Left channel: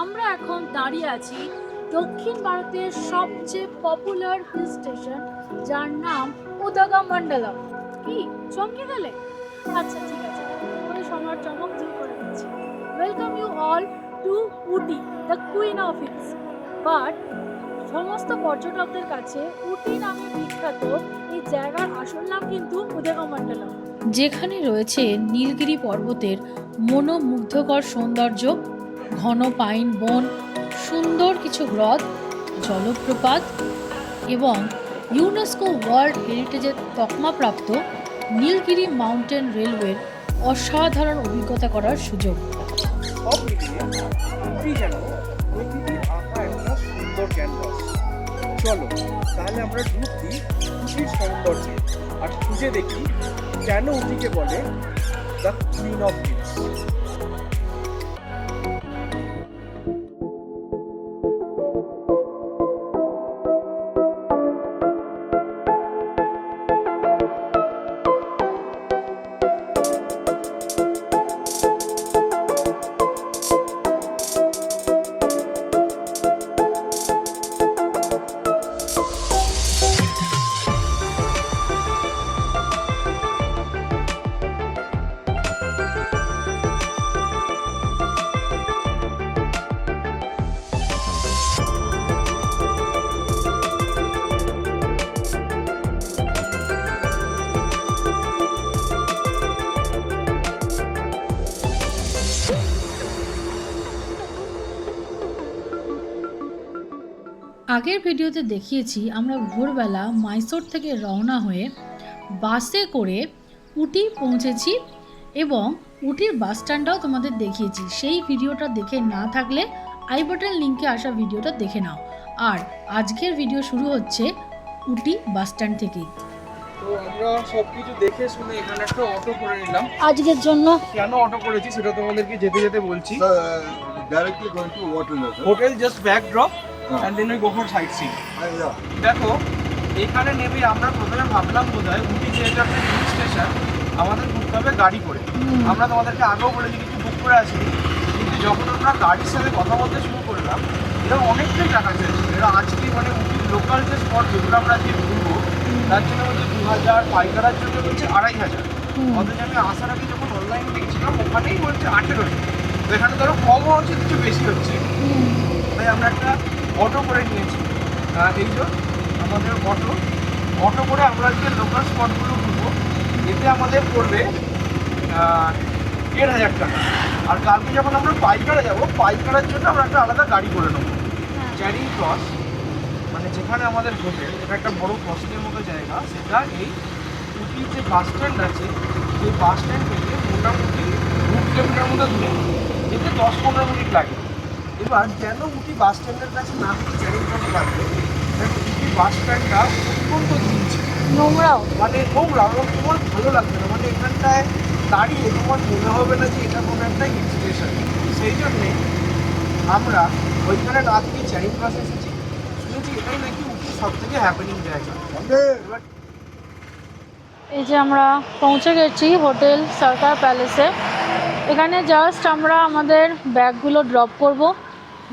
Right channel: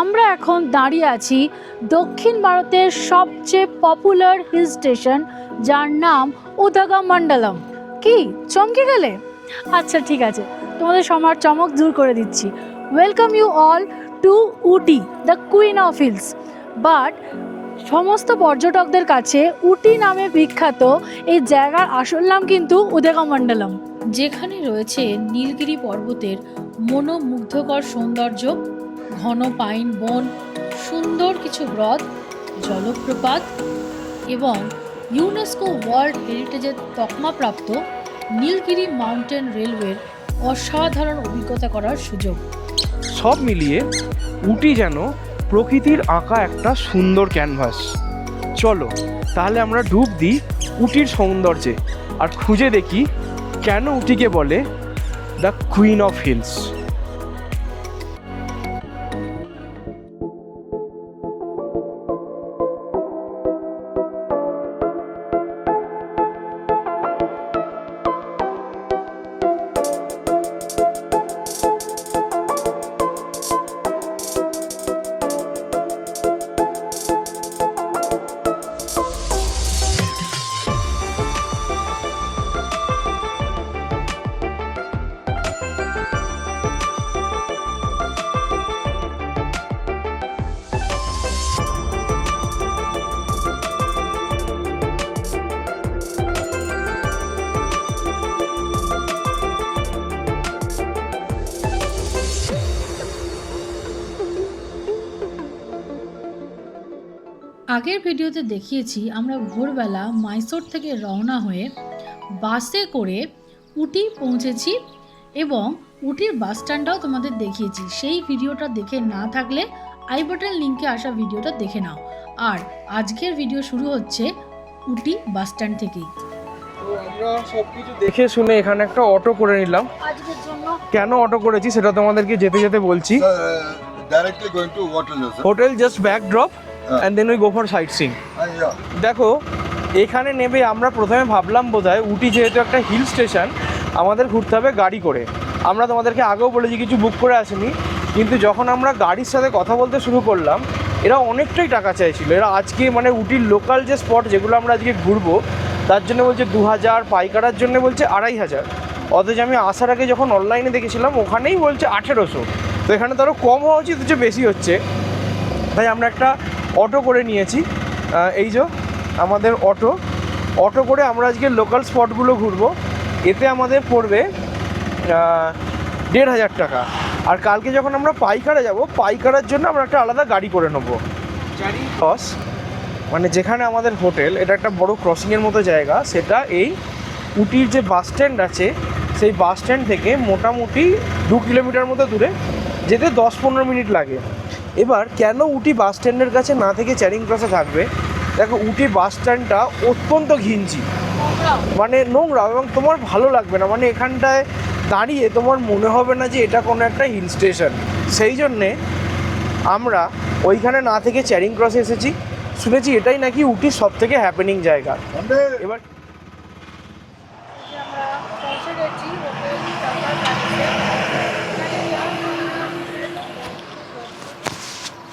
আমরা এখন দাঁড়িয়ে আছি দক্ষিণ ভারতের সবচেয়ে পপুলার হিল স্টেশন, যার নাম উদগমণ্ডলম। কি চমকে গেলে? আচ্ছা ঠিক আছে, তোমাদের সবার চমক দূর করে দিচ্ছি। Welcome you all to Ooty, the queen of hills. But সমস্ত পর্যটকদের কাছে উটি নামে বিখ্যাত এই জায়গার আসল নাম কিন্তু উদগমণ্ডলম, যেখানে রয়েছে নীলগিরি পর্বতের মনোমুগ্ধকর সৌন্দর্য, ঘন পাইন বন, সুন্দর কিছু হ্রদ, জলপ্রপাত এবং ইউনেস্কো ওয়ার্ল্ড হেরিটেজের তকমাপ্রাপ্ত নীলগিরি মাউন্টেন রেলওয়ের অসাধারণ অভিজ্ঞতা করার সুযোগ। সব মিলিয়ে উটি যেন প্রকৃতির আঁকা একটা সুন্দর ক্যানভাস। চলো তাহলে আমরা ডুব দিই উটির সৌন্দর্যে আর খুঁজে দেখি কেন উটিকে বলে দ্য কুইন অফ হিলস। আগের ভিডিওতে দেখিয়েছি আমরা ভোরবেলা মাইসোর থেকে রওনা হয়ে বাসে করে উটি পৌঁছেছি এবং উটির বাস স্ট্যান্ডটাও তোমাদের দেখিয়েছি। সেই ভিডিওটা দেখে না থাকলে আই বাটন লিঙ্কে আসা ভিডিওটা দেখে নাও। আর আজকের ভিডিও শুরু হচ্ছে উটি বাস স্ট্যান্ড থেকেই। তো আমরা সবকিছু দেখে শুনে এখানে একটা অটো করে নিলাম। আজকের জন্য কেন অটো করেছি সেটা তোমাদেরকে যেতে যেতে বলছি। Directly going to hotel, sir. Hotel just back drop হ্যাঁ। And then we go for sightseeing. Yeah. দেখো এখানে নেমে আমরা প্রথমে ভাবলাম বোধহয় উটি যেহেতু একটা হিল স্টেশন আমাদের ঘুরতে হবে গাড়ি করে। আমরা তোমাদেরকে আগেও বলেছি কিছু বুক করে আসিনি, কিন্তু যখন আমরা গাড়ির সাথে কথা বলতে শুরু করলাম এরা অনেকটাই টাকা চাইছিল। এরা আজকে মানে উটির লোকাল যে স্পট যেগুলো আমরা আজকে ঘুরবো তার জন্য বলছে 2000, পাইকারার জন্য বলছে 2500। অথচ আমি আসার আগে যখন অনলাইনে দেখেছিলাম ওখানেই বলছে 1800। তো এখানে তো আরও কম হওয়া উচিত, কিছু বেশি হচ্ছে। তাই আমরা একটা অটো করে নিয়েছি। এই যে আমাদের অটো করে আমরা আজকে লোকাল স্পটগুলো ঘুরবো। এতে আমাদের পড়বে 1500 টাকা। আর কালকে যখন আমরা পাইকারা যাব, পাইকারার জন্য আমরা একটা আলাদা গাড়ি করে নেবো। চ্যারিং ক্রস মানে যেখানে আমাদের হোটেল, এটা একটা বড় ক্রসিংয়ের মতো জায়গা। সেটা এই উটির যে বাস স্ট্যান্ড আছে সেই বাস স্ট্যান্ড থেকে মোটামুটি 2 কিলোমিটার মতো দূরে, যেতে 10-15 মিনিট লাগে। এবার কেন উটি বাস স্ট্যান্ডের কাছে না থেকে চ্যারিং ক্রসে থাকবে? দেখো উটি বাস স্ট্যান্ডটা অত্যন্ত ঘিঞ্জি, নোংরা, মানে নোংরা, এবং তোমার ভালো লাগবে না। মানে এখানটায় দাঁড়িয়ে তোমার মনে হবে না যে এটা কোনো একটা হিল স্টেশন। সেই জন্যে আমরা ওইখানে না থেকে চ্যারিং ক্রসে এসেছি। শুনেছি এটাই নাকি উটির সব থেকে হ্যাপেনিং জায়গা। এবার এই যে আমরা পৌঁছে গেছি হোটেল সরকার প্যালেসে। এখানে জাস্ট আমরা আমাদের ব্যাগগুলো ড্রপ করব,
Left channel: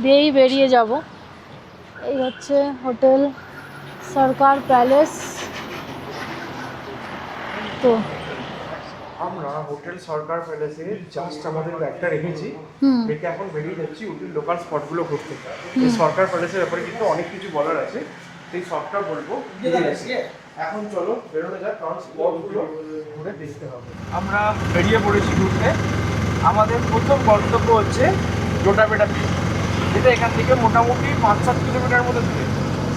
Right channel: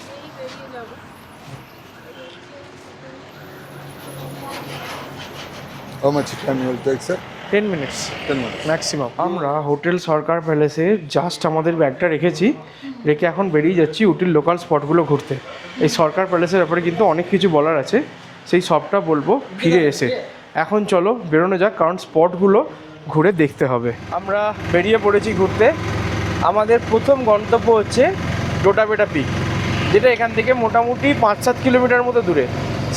দিয়েই বেরিয়ে যাব। এই হচ্ছে hotel Sarkar palace. How much time will take, sir? 10 minutes 10 minutes. Maximum. আমরা হোটেল সরকার প্যালেসে জাস্ট আমাদের ব্যাগটা রেখেছি, রেখে এখন বেরিয়ে যাচ্ছি উটির লোকাল স্পটগুলো ঘুরতে। এই সরকার প্যালেসের ব্যাপারে কিন্তু অনেক কিছু বলার আছে, সেই সবটা বলবো ফিরে এসে। এখন চলো বেরোনো যাক, কারণ স্পটগুলো ঘুরে দেখতে হবে। আমরা বেরিয়ে পড়েছি ঘুরতে। আমাদের প্রথম গন্তব্য হচ্ছে ডোটাবেটা পিক, যেটা এখান থেকে মোটামুটি 5-7 কিলোমিটার মতো দূরে।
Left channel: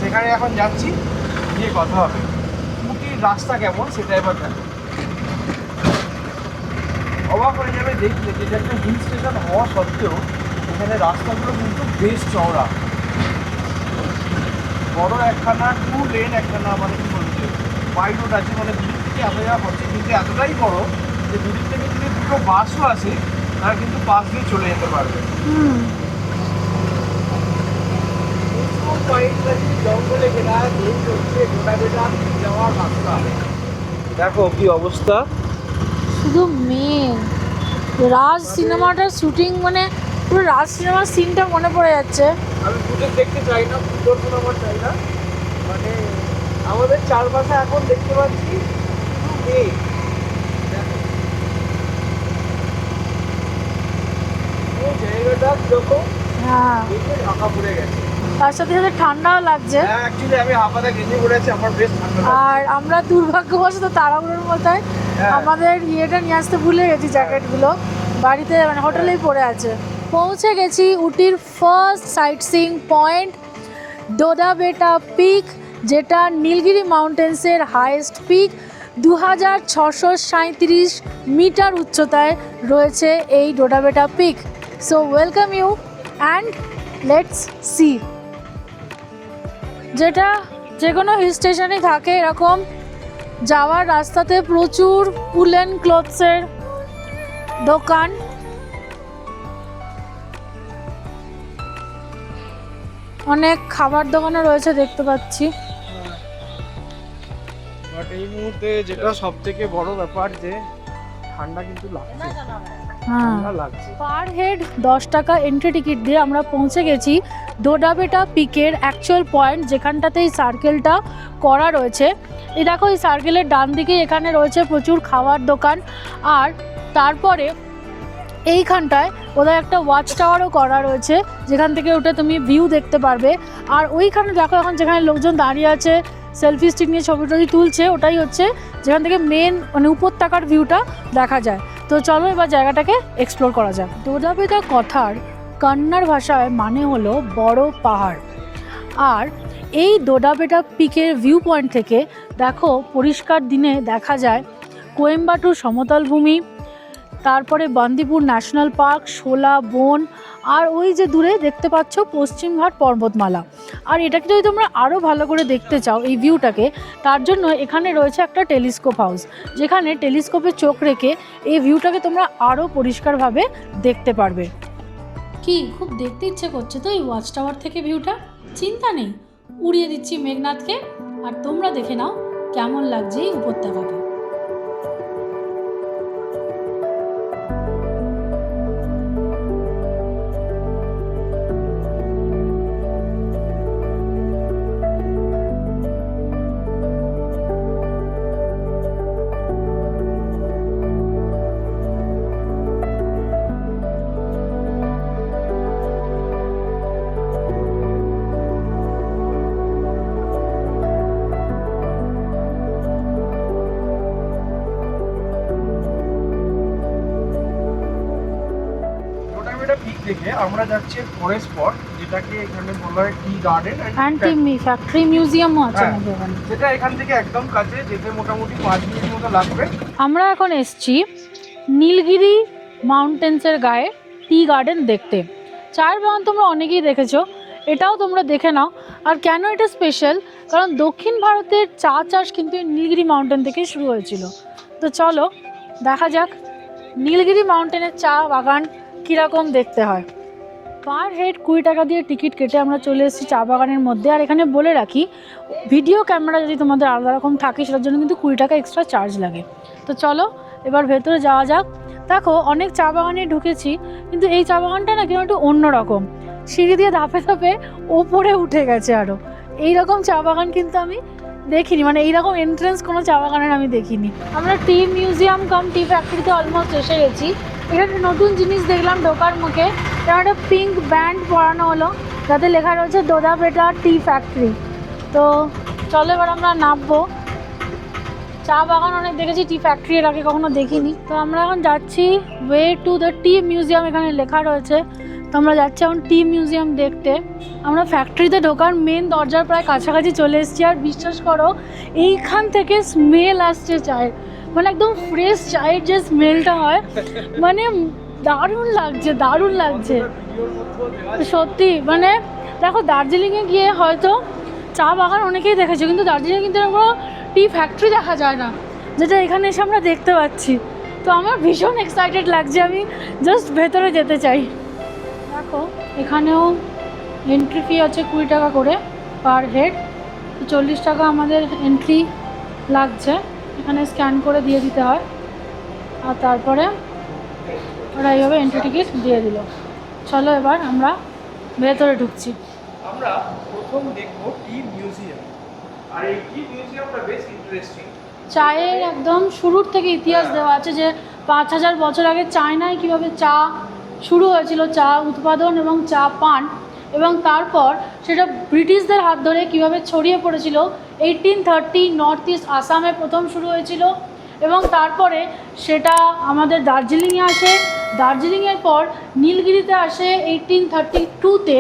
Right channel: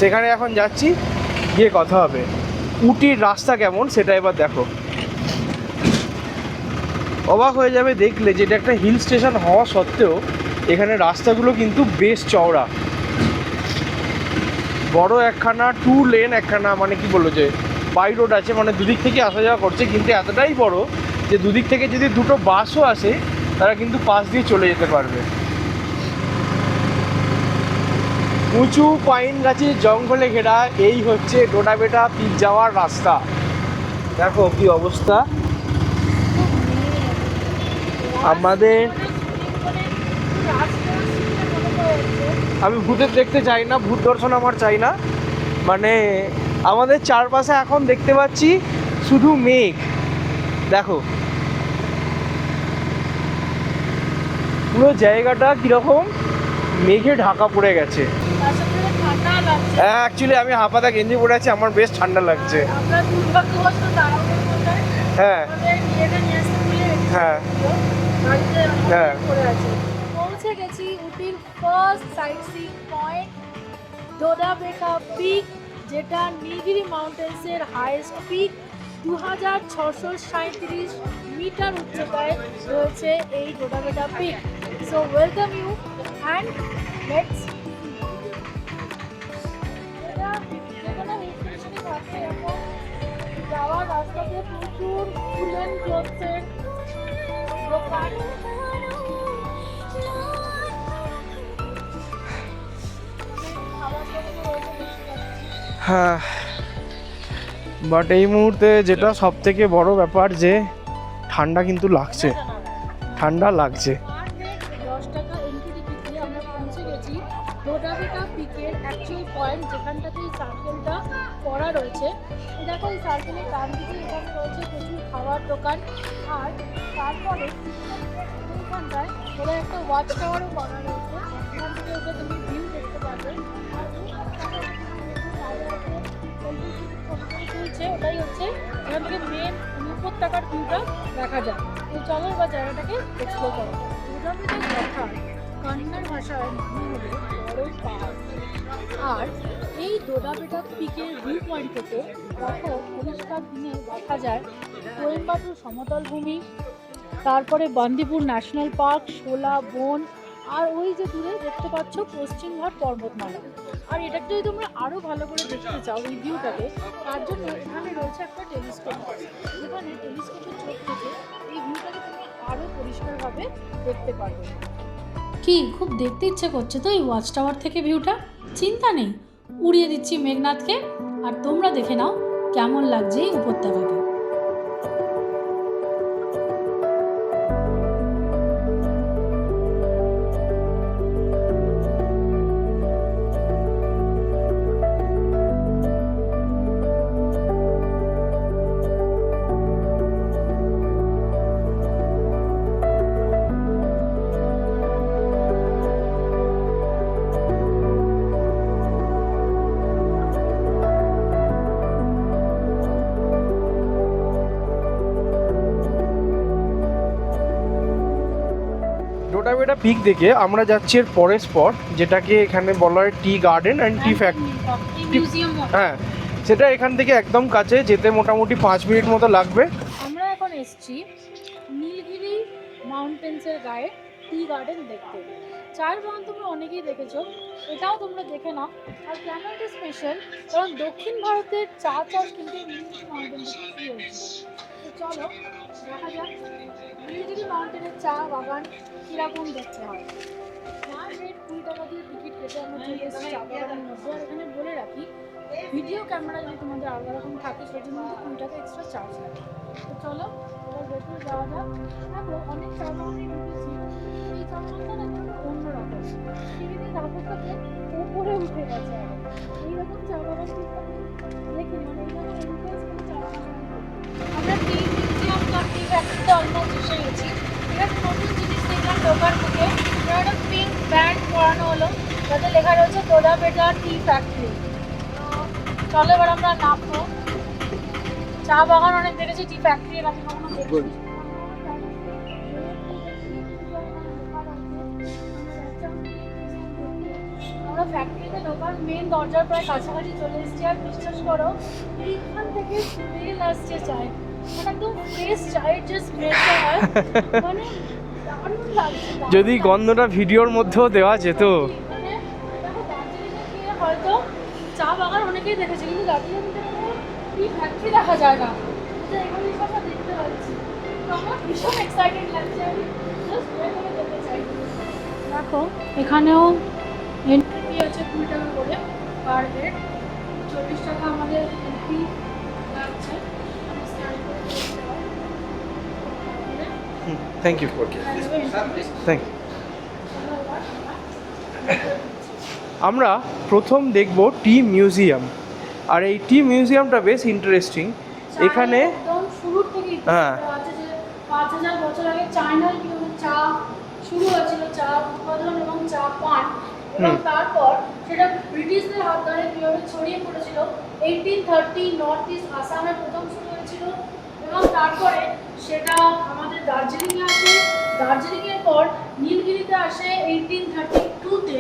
সেখানে এখন যাচ্ছি, গিয়ে কথা হবে। উটির রাস্তা কেমন সেটা এবার দেখো, অবাক হয়ে যাবে দেখলে যে এটা একটা হিল স্টেশন হওয়া সত্ত্বেও এখানে রাস্তাগুলো কিন্তু বেশ চওড়া। বড় একখানা 2 লেন একখানা, মানে কি বললো যে বাই রোড আছে, মানে দুদিক থেকে আসা যাওয়া করছে। কিন্তু এতটাই বড় যে দুদিক থেকে যদি দুটো বাসও আসে তারা কিন্তু পাশ দিয়ে চলে যেতে পারবে। উঁচু পাইন গাছের জঙ্গলে ঘেরা এই হচ্ছে ডোটাবেটা পিক যাওয়ার রাস্তা। দেখো কি অবস্থা। শুধু মেঘ, রাজ আমাদের- সিনেমাটার শুটিং মানে পুরো রাজ সিনেমার সিনটা মনে পড়ে যাচ্ছে। আমি ভূতের দেখতে চাই না, ভূত দর্শন আমার চাই না। মানে আমাদের চারপাশে এখন দেখতে পাচ্ছি শুধু মেঘ। দেখো পুরো জায়গাটা কিরকম হ্যাঁ, মেঘে ঢাকা পড়ে গেছে। তার সাথে সাথে ঠান্ডা লাগছে। হ্যাঁ, অ্যাকচুয়ালি আমি হাফাতা গেঞ্জি পরে আছি, আমার বেশ ঠান্ডা লাগছে। আর আমরা দুর্ভাগ্যবশত তাড়াহুড়োর মধ্যে হ্যাঁ। আমাদের ইয়েটা নিয়ে আসতে ভুলে গেছি, হ্যাঁ। জ্যাকেটগুলো বাড়িতে মানে হোটেলেই হ্যাঁ। পড়ে আছে। পৌঁছে গেছি উটির first sightseeing point Doddabetta peak, যেটা নীলগিরি মাউন্টেন্সের হাইয়েস্ট পিক। 2637 মিটার উচ্চতায় রয়েছে এই Doddabetta peak. So welcome you and let's see. যেটা যে কোনো হিল স্টেশনে থাকে, এরকম যাওয়ার রাস্তাতে প্রচুর উলেন ক্লথসের দোকান। অনেক খাবার দোকানও রয়েছে দেখতে পাচ্ছি। হ্যাঁ, বাট এই মুহূর্তে যেটা সব থেকে বড় ব্যাপার যে ঠান্ডা কিন্তু লাগছে, ঠান্ডা লাগছে। পার হেড 10 টাকা এন্ট্রি টিকিট দিয়ে আমরা পৌঁছে গেছি ডোডাবেটা পিকের অ্যাকচুয়াল পয়েন্ট, যেখানটাতে এই সার্কেলটা করা রয়েছে। এই দেখো, এই সার্কেলের ডান দিকে এখানে রয়েছে প্রচুর খাবার দোকান। আর তারপরে এইখানটায় ওদের একটা ওয়াচ টাওয়ারও করা রয়েছে, যেখান থেকে উঠে তুমি ভিউ দেখতে পারবে। আর ওইখানে দেখো এখন যেখানে লোকজন দাঁড়িয়ে আছে সেলফি স্টিক নিয়ে ছবি টবি তুলছে, ওটাই হচ্ছে যেখান থেকে মেন মানে উপত্যকার ভিউটা দেখা যায়। তো চলো এবার জায়গাটাকে এক্সপ্লোর করা যায়। ডোডাবেটা কথার কন্নড় ভাষায় মানে হলো বড় পাহাড়। আর এই ডোডাবেটা পিকের ভিউ পয়েন্ট থেকে দেখো পরিষ্কার দিনে দেখা যায় কোয়েম্বাটুর সমতল ভূমি, তারপরে বান্দিপুর ন্যাশনাল পার্ক, শোলা বন, আর ওই যে দূরে দেখতে পাচ্ছ পশ্চিমঘাট পর্বতমালা। আর এটাকে যদি তোমরা আরও ভালো করে দেখতে চাও এই ভিউটাকে, তার জন্য এখানে রয়েছে একটা টেলিস্কোপ হাউস, যেখানে টেলিস্কোপে চোখ রেখে এই ভিউটাকে তোমরা আরও পরিষ্কারভাবে দেখতে পারবে। কি খুব দেখতে ইচ্ছে করছে তো এই ওয়াচ টাওয়ার থেকে ভিউটা। চিন্তা নেই, উড়িয়ে দিচ্ছি মেঘনাথকে, আর তোমরা দেখে নাও কেমন লাগছে এই উপত্যকাকে। ডোডাবেটা পিক দেখে আমরা যাচ্ছি এর পরের স্পট, যেটাকে এখানে বলা হয় tea garden and tea factory মিউজিয়ামও আছে হ্যাঁ। আমাদের এখানে। সেটা এখান থেকে একদম কাছে, যেতে মোটামুটি 5 মিনিট মতো লাগবে। আমরা এখন এসছি নীলগিরি মাউন্টেন্সের গায়ে টি গার্ডেন দেখতে। চায়ের বাগান তোমরা অনেকেই দেখেছো, এটাও তোমরা দেখে নাও। আর কেন এটা স্পেশাল, কারণ দক্ষিণ ভারতের চা চাষ কিন্তু এই নীলগিরি মাউন্টেন থেকেই শুরু হয়েছিল। তো চলো দেখা যাক নীলগিরি মাউন্টেনের চা বাগান কীরকম দেখতে হয়। পার হেড 20 টাকা দিয়ে টিকিট কেটে আমরা চলে এসেছি চা বাগানের মধ্যে। আর এখানে বলে রাখি, ভিডিও ক্যামেরা যদি তোমাদের আলাদা রকম থাকে সেটার জন্য কিন্তু 20 টাকা এক্সট্রা চার্জ লাগে। তো চলো এবার ভেতরে যাওয়া যাক। দেখো অনেক চা বাগানে ঢুকেছি, কিন্তু এই চা বাগানটা না কেন একটু অন্যরকম, সিঁড়ি দিয়ে ধাপে ধাপে ওপরে উঠে গেছে। আরও এইরকম চা বাগান কিন্তু আমি দেখিনি, মানে এইরকম এন্ট্রেন্স কোনো চা বাগানের আমি দেখিনি। আমরা টি মিউজিয়াম কাম টি ফ্যাক্টরিতে অলমোস্ট এসে গেছি। এখানে নতুন জিনিস দেখলাম ঢোকার মুখে, যেমন একটা পিঙ্ক ব্যান্ড পরানো হলো যাতে লেখা রয়েছে ডোডাবেটা টি ফ্যাক্টরি। তো চলো এবার আমরা নামবো। চা বাগান অনেক দেখেছি, টি ফ্যাক্টরি এর আগে কখনো দেখিনি। তো আমরা এখন যাচ্ছি way to the T museum, এখানে লেখা রয়েছে। তো আমরা যাচ্ছি এখন টি মিউজিয়াম দেখতে। আমরা ফ্যাক্টরিতে ঢোকার মেন দরজার প্রায় কাছাকাছি চলে এসেছি। আর বিশ্বাস করো এইখান থেকে স্মেল আসছে চায়ের, মানে একদম ফ্রেশ চায়ের যে স্মেলটা হয়, মানে দারুণ লাগছে, দারুণ যদি লাগছে। গন্ধটা ভিডিওর মধ্যেও দেওয়া যেত। সত্যি মানে দেখো দার্জিলিংয়ে গিয়ে হয়তো চা বাগান অনেকেই দেখেছে, কিন্তু দার্জিলিংয়ে কিন্তু এরকম টি ফ্যাক্টরি দেখা যায় না, যেটা এখানে এসে আমরা দেখতে পাচ্ছি। তো আমার ভীষণ এক্সাইটেড লাগছে, আমি জাস্ট ভেতরে যেতে চাই। দেখো এখানেও এন্ট্রি ফি আছে 20 টাকা করে পার হেড। 40 টাকা আমাদের এন্ট্রি লাগছে, এখানে স্ক্যান করে দিয়ে দিতে হয়। আর তারপরে থ্যাংক ইউ। ওরা এইভাবে এন্ট্রি টিকিট দিয়ে দিল। চলো এবার আমরা ভেতরে ঢুকছি। আমরা প্রথম দেখব টি মিউজিয়াম, আর এই টি মিউজিয়ামটা বেশ ইন্টারেস্টিং। চায়ের একদম শুরুর থেকে ইতিহাস হ্যাঁ। দেওয়া আছে যে 5000 বছর আগে চায়নায় কিভাবে চা শুরু হয়েছিল, চা উৎপাদন এবং চা পান, এবং তারপর সেটা ব্রিটিশদের হাত ধরে কিভাবে ছড়িয়ে পড়েছিল। 1830 নর্থ ইস্ট আসামে প্রথম শুরু হয়েছিল এবং তারপরে সেটা আমাদের দার্জিলিংয়ে আসে, দার্জিলিংয়ের পর নীলগিরিতে আসে 1832-তে,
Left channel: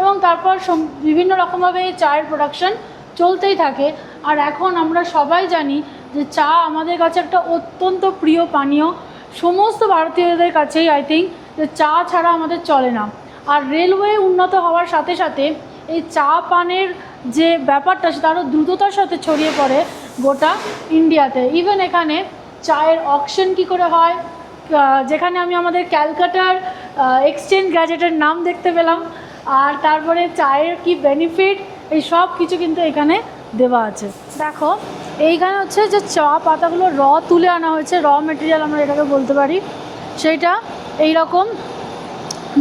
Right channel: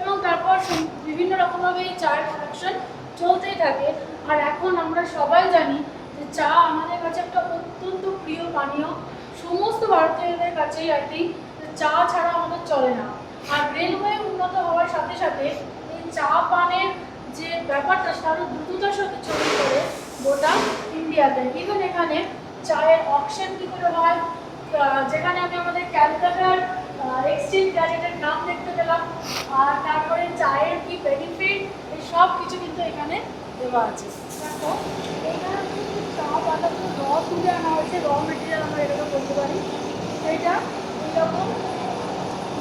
এবং তারপর বিভিন্ন রকমভাবে চায়ের প্রোডাকশন চলতেই থাকে। আর এখন আমরা সবাই জানি যে চা আমাদের কাছে একটা অত্যন্ত প্রিয় পানীয়, সমস্ত ভারতীয়দের কাছেই আই থিঙ্ক যে চা ছাড়া আমাদের চলে না। আর রেলওয়ে উন্নত হওয়ার সাথে সাথে এই চা পানের যে ব্যাপারটা সেটা আরও দ্রুততার সাথে ছড়িয়ে পড়ে গোটা ইন্ডিয়াতে। ইভেন এখানে চায়ের অকশন কী করে হয়, যেখানে আমি আমাদের ক্যালকাটার এক্সচেঞ্জ গ্যাজেটের নাম দেখতে পেলাম, আর তারপরে চায়ের কি বেনিফিট, এই সব কিছু কিন্তু এখানে দেওয়া আছে। দেখো এইখানে হচ্ছে যে চা পাতাগুলো তুলে আনা হয়েছে, মেটেরিয়াল আমরা এটাকে বলতে পারি, সেইটা এইরকম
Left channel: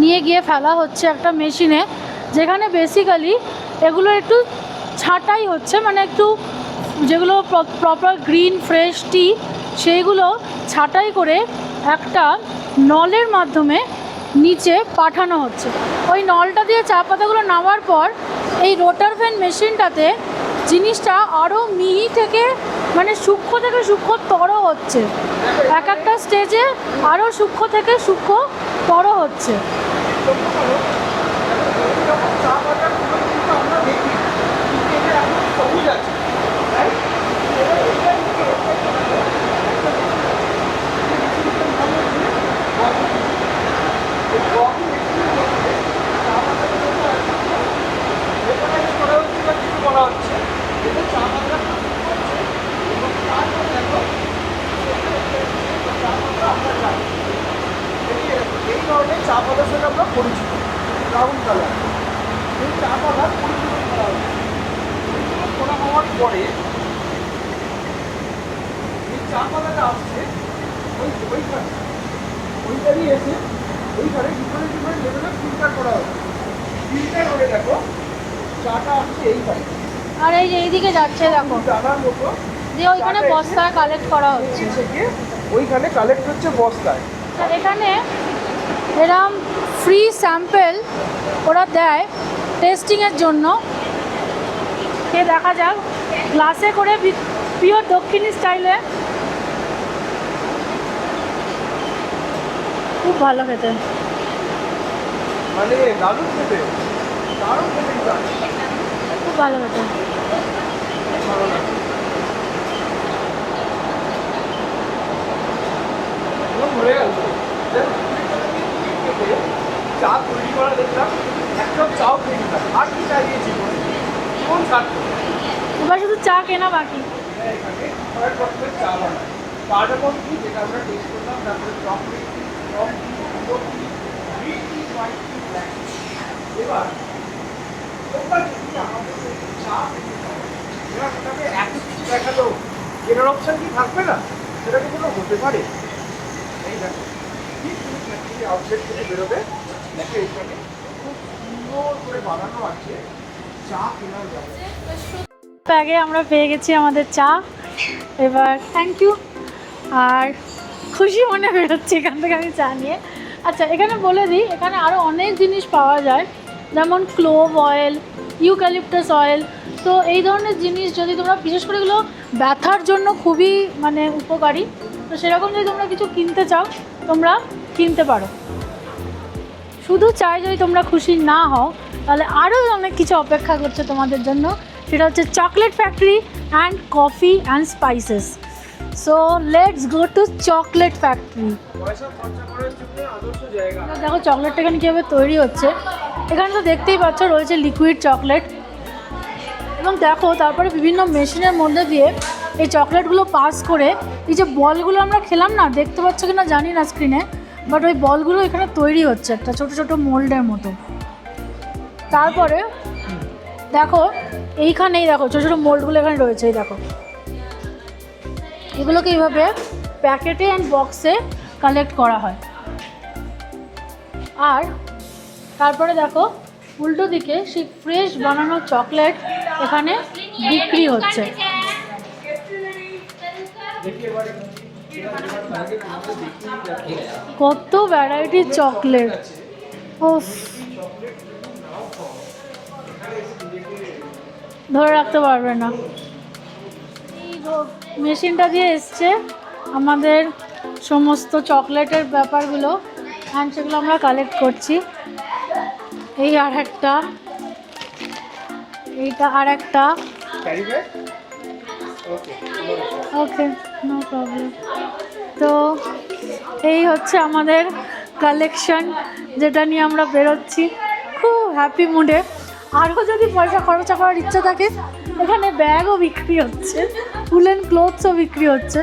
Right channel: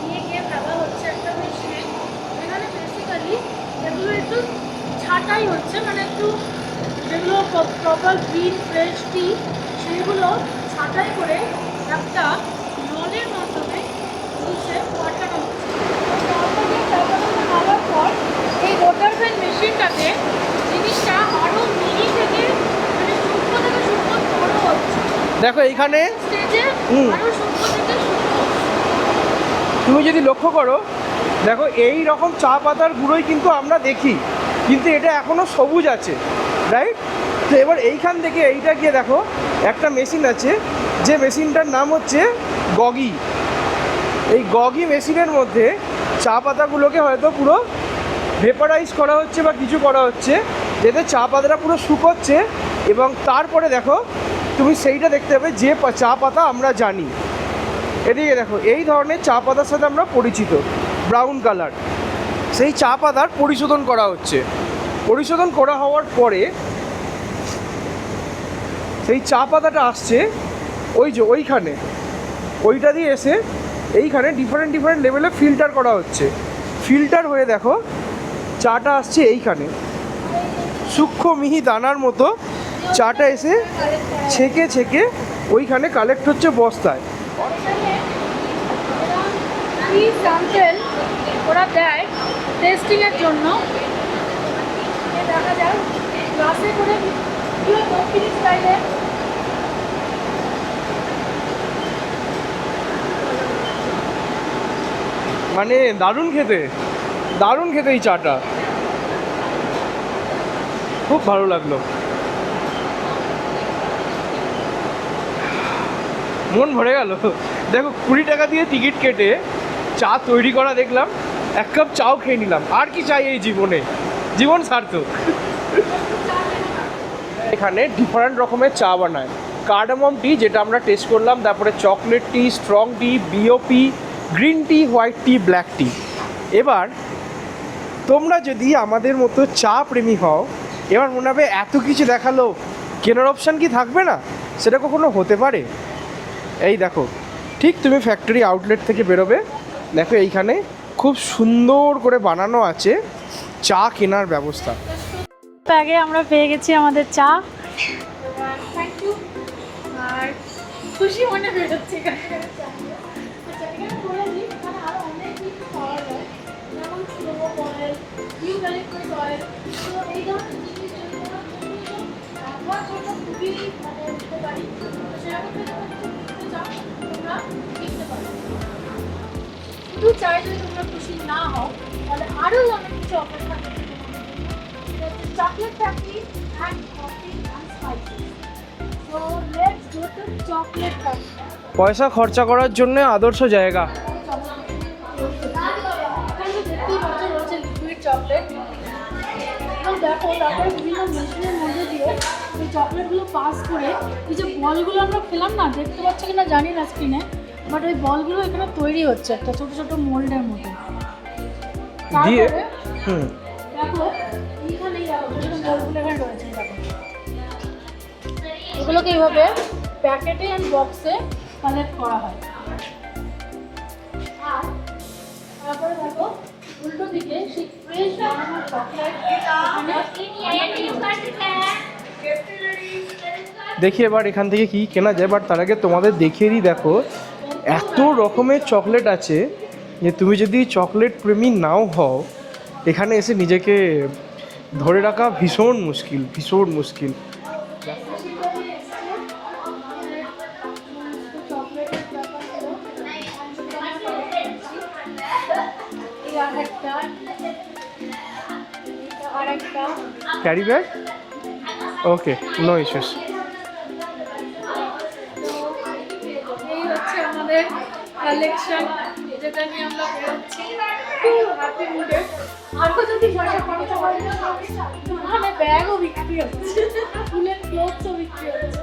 নিয়ে গিয়ে ফেলা হচ্ছে একটা মেশিনে, যেখানে বেসিক্যালি এগুলো একটু ছাঁটাই হচ্ছে, মানে একটু যেগুলো প্রপার গ্রিন ফ্রেশ টি সেইগুলো ছাঁটাই করে একটা নলের মাধ্যমে নিচে পাঠানো হচ্ছে। ওই নলটা দিয়ে চা পাতাগুলো নামার পর এই ওয়াটার ফ্যান মেশিনটাতে জিনিসটা আরও মিহি থেকে মানে সূক্ষ্ম থেকে সূক্ষ্মতর হচ্ছে। দেখো এখানে একটা স্টেজে আরও সূক্ষ্ম থেকে সূক্ষ্মতর হচ্ছে। তুমি যদি লক্ষ্য করো, দেখো এই রকম চা পাতার গুঁড়োই কিন্তু আমরা দেখি, কিন্তু এটা এখনো সবুজ আছে, রাইট? তো এবার এইখান থেকে এইটা গিয়ে দেখো একটা মেশিন আছে, যে মেশিনটার নাম হচ্ছে গগি। এই গগি মেশিনের মধ্যে চা পাতাগুলোকে হয়তো পুরো ভেপারাইজ করা হচ্ছে বা কিছু করা হচ্ছে, এতে চা পাতাটা পুরো শুকোচ্ছে, এবং তারপরে দেখো তুমি সেইটা দেখতে পাবে যে চা পাতা আমরা জানি। এদিকে দেখো এই ধরনের চা পাতার সাথে আমরা পরিচিত, ব্রাউন কালার, সেই চা পাতা পরিশোধন করা হচ্ছে। পরিশোধন করা হওয়ার পরে সেই চা পাতাটা আসছে ওই যে ওইখানে, ওইটা দিয়ে এসে এইখানে ডিফারেন্ট লেভেলে ফিল্টার করা হচ্ছে। ফিল্টার হয়ে দেখো চাটা আসছে এইখানে, আর এই যে এইদিকে যাচ্ছে সূক্ষ্ম মিহি দানার মতো চাটা এসে কালেক্ট করা ছেঁকে ছেঁকে ওইখানে কালেক্ট হচ্ছে বস্তায়। আর এখানে এরকম ফ্রি স্যাম্পেল ওরা দেয় টেস্টিংয়ের জন্য। দেখা যাক গ্লাসে করে পিওর দক্ষিণী স্টাইলে, খুব ভালো খেতে, মানে দারুণ খেতে, দারুণ খেতে এই চাটা, খুব ভালো খেতে, খুব ভালো লাগলো, মন ভরে গেল। তো দেখো 20 টাকা দিয়ে টিকিট কেটে চা তৈরি করা দেখলাম, এক কাপ চাও খেয়ে নিলাম, আর কি চাই এই জীবনে, জীবন সার্থক। এবার শুধু চা কেনা বাকি। এখানে ডিফারেন্ট রকমের চা বানায়, কার্ডামম টি যেটা আমরা টেস্ট করলাম, তারপরে চকলেট টি, স্ট্রং টি, বিওপি, গ্রিন টি, হোয়াইট টি, ব্ল্যাক টি। এবার তোমরা যদি আমাদের মতো চা প্রেমী হও, এবার মনে হবে এত কিছু দেখালো, কেনার অপশান কি থাকবে না? সেটা কখনো হতে পারে? এই দেখো ঠিক তুমি ফ্যাক্টরি আউটলেট থেকে বেরোবে, দেখো এইখানে খুব সুন্দর করে বানানো আছে চা কেনার ব্যবস্থা। আগে আমরা পেয়ে গেছি আমাদের চা, এবার থ্যাংক ইউ, আর খুশি মনে বেরোচ্ছি এখান থেকে আমি চা নিয়ে। আচ্ছা এখানে বলে দিই, এখানে আরও অনেক জিনিস পাওয়া যায়, যেমন ক্লোভ অয়েল, ইউক্যালিপটাস অয়েল। তো এই ধরনের জিনিস যদি তোমরা, বিশেষ করে এগুলো ব্যথার জন্য খুবই মানে উপকারী, তো সেরকম যদি তোমরা কিছু কিনতে চাও তোমরা কিনতে পারো। শুধু চাই যদি তোমরা খুশি না হও, তাহলে আরও অনেক কিছু অপেক্ষা করছে তোমাদের জন্য, সেটা হচ্ছে chocolate factory and coffee and spices. So let's go to chocolate factory. পয়সা খরচা করার জন্য আদর্শ জায়গা। দেখো চকলেটটা এখানে কীভাবে তৈরি হচ্ছে, এখানে তো দেখতেই পাচ্ছ রয়েছে লিকুইড চকলেট, এবং দেখো তারপরে বিভিন্ন মেশিনের মধ্যে দিয়ে এই চকলেটগুলো পাস করে এই যে বলগুলো আমরা খেলাম না, দেখতে পাচ্ছ কি না জানি না স্ক্রিনে, বাট ওই বলগুলো এখানে তৈরি হচ্ছে একটা ছোটো ছোটো মোল্ডের মতো। তারপরে দেখো এইখানেই দেখো ছোটো ছোটো মোল্ডগুলো এখানে রয়েছে, এই দেখো এগুলোকে এইভাবে প্যাকেটে অ্যান্ড বক্সে কালেক্ট করা হয়। আর তারপরে দেখো উল্টো দিকে সেই ফ্রেশ বানানো চকলেট এখানে বিক্রি হচ্ছে। দেখি এবার এখান থেকে কি কেনা যায়, বাট তার আগে তোমাদের দেখিয়ে দিই। দেখো কত এত ভ্যারাইটির রকমের চকলেট চকলেট আছে যে উফ। তুমি যদি চকলেট প্রেমী নাও হও, এখানে এসে নিজেকে ধরে ধরে রাখতে রাখা পারবে না। ভীষণ মুশকিল, ভীষণ মুশকিল। মেশিনটা দিয়ে এসছে আমাদের সমস্ত চকলেটের ব্যাপারগুলো, আর সেগুলো আমরা কালেক্ট করছি। এই আর একটা, এইটা আর একটা। ক্যারি ব্যাগ, ওকে, নো ইস্যুস। ওকে, নো প্রবলেম। তো এই হচ্ছে আমাদের কালেকশন, যেটা নিয়ে আমরা বেরোচ্ছি খুব হ্যাপি মুডে। আরও যদি পয়সা খরচা করার ইচ্ছা থাকে, এখানে ব্যাগও বিক্রি হচ্ছে, উলেন ক্লোথসও বিক্রি হচ্ছে।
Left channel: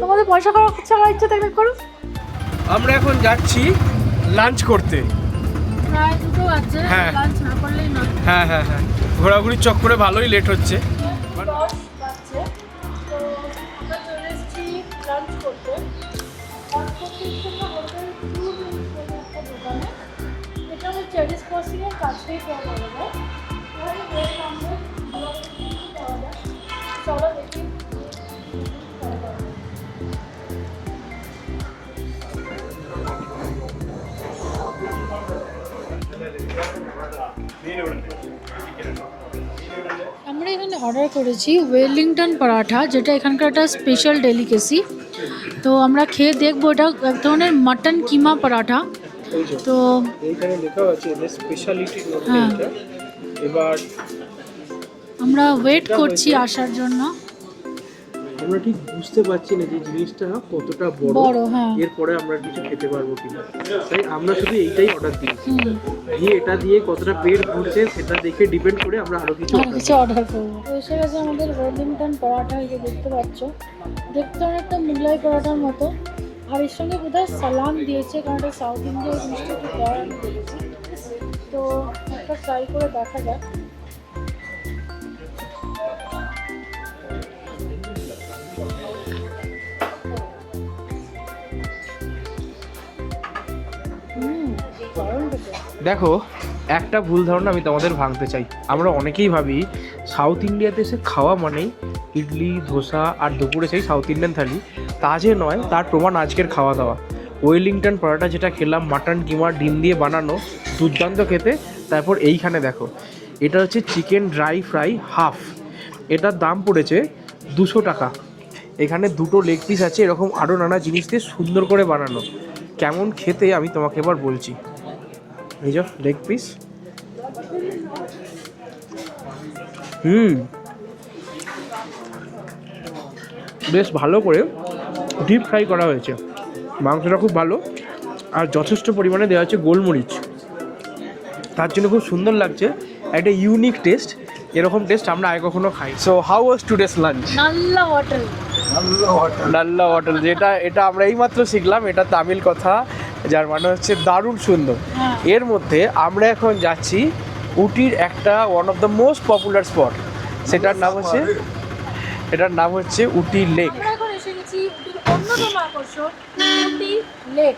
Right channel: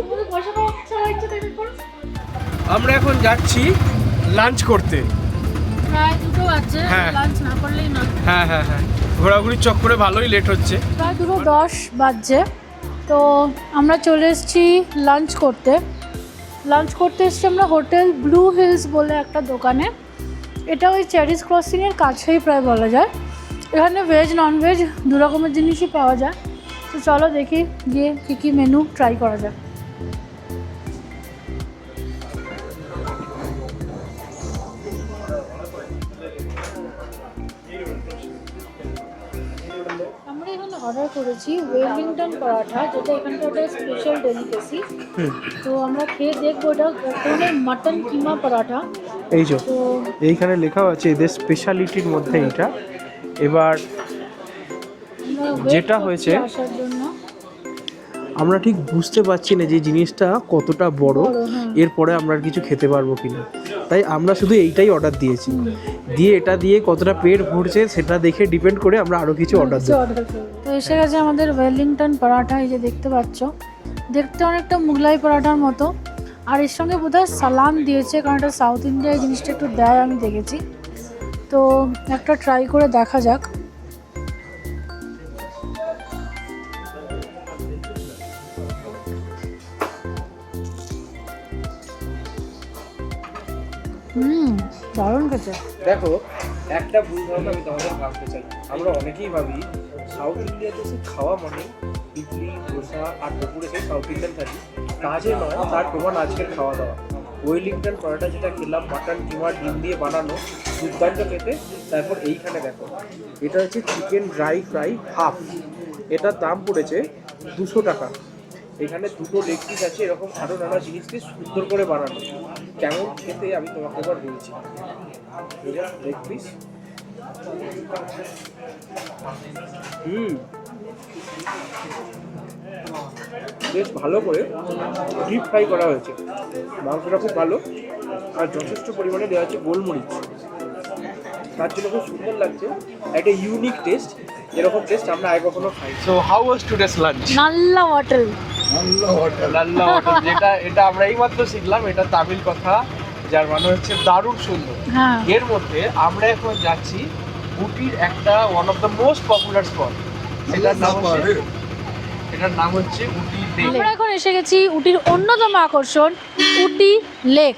তোমাদের পয়সা খরচা করার ইচ্ছা থাকলে করুন। আমরা এখন যাচ্ছি লাঞ্চ করতে। প্রায় 2টো বাজছে, হ্যাঁ। লাঞ্চ না করলেই না। হ্যাঁ হ্যাঁ হ্যাঁ, ঘোরাঘুরির চক্করে ভালোই লেট হচ্ছে। প্রায় 2:10 বাজছে। তো আমরা চলে এসেছি লাঞ্চ করতে। লাঞ্চ করতে এসেছি আমরা হোটেল ব্লু হিলস বলে একটা দোকানে। এটা ওই চেরিস ক্রসিংয়ের কাছেই প্রায় বলা যায়। এখানে ভেজ ননভেজ দু রকমের জিনিসই পাওয়া যায়। তো চলো দেখি গিয়ে কী কী মেনু ট্রাই করা যায়। আমরা এখানে অর্ডার করেছি ওয়েলিংটন পরাঠা, যেটা এখানকার একটা স্পেশাল ডেলিকেসি। তো আমরা খেয়ে দেখবো, এটা এক ধরনের মাটন কিমা পরাঠা। এই যে তো এইখানে লেখা আছে এদের স্পেশালিটির মধ্যে হ্যাঁ। এটা। এবার আমরা ওয়েট যেটা করছি হয়েছে- আসার জন্য। আমরা ঠিক বুঝতে পারছি না যে জিনিসটা কতটা বড়, বড়, হ্যাঁ। এরপরে আমরা আর কিছু খেতে পারবো কিনা। তাই আমরা শুধু এইটাই অর্ডার দিয়েছি। দিয়ে এটা দিয়ে কতটা পেট ভরছে সেটা দেখে ডিপেন্ড করে আমরা আরো কিছু অর্ডার কিছু দিই। অর্ডার করবো। তো এসে গেছে আমাদের ওয়েলিংটন পরাঠা, এই যে দেখতে পাচ্ছ। দেখতে অনেকটা মুগলাই পরাঠার মতো, আর এর সঙ্গে বোধহয় সালাম দিয়েছে, কারণ এটা সাউথ ইন্ডিয়ায় জিনিসটা একটু দেয় আমি দেখেছি। তো একটা ট্রাই করে দেখা যাক। দারুণ খেতে। দেখো, একটা ভুল ধারণা আমি তোমাদের ভাঙতে চাই। আমরা অনেকেই ভাবি সাউথ ইন্ডিয়াতে এসে খাওয়া মানেই ইডলি ধোসা আর দুপুরে সেই সাউথ ইন্ডিয়ান থালি। তা যে নয়, তার প্রমাণ আজকের খাওয়া দাওয়া। ওয়েলিংটন পরাটা যেটা খেলাম, মাটন কিমা ডিম দিয়ে বানানো, দুর্দান্ত খেতে। তারপর এইখানে দেখো, এটা হচ্ছে চিকেন ড্রাই ফ্রাই হাফ, এটার দাম পড়েছে 200 টাকা। এখানে 2টো লেগ পিস আছে, এরকম আরও নানা জিনিস দিয়ে সুন্দর করে বানানো। কেমন খেতে আমি তোমাকে এবার বলছি। এই যে লেগ পিস, বেশ ভালো করে ডিপ ফ্রাই করা হয়েছে। মাংসটা খুব ভালো, আর যথেষ্ট পরিমাণে দেওয়া হচ্ছে গোলমরিচ, তার জন্য খুব সুন্দর লাগছে। একটা ইউনিক টেস্ট, এরকম টেস্ট আমরা আগে কখনো খাই। So how was today's lunch? Nalla hotel. Lalla hotel, এটা আমরা এইমাত্র শিখলাম। এটা তামিল কথা, যার মানে হচ্ছে দারুণ সুন্দর। হ্যাঁ। এর মধ্যে আমরা এখন যাচ্ছি উটির একটা one of the most popular spot, এটার নাম হচ্ছে উটি লেক। আমরা এখন এসে গেছি উটির অন্যতম আকর্ষণ উটি লেক।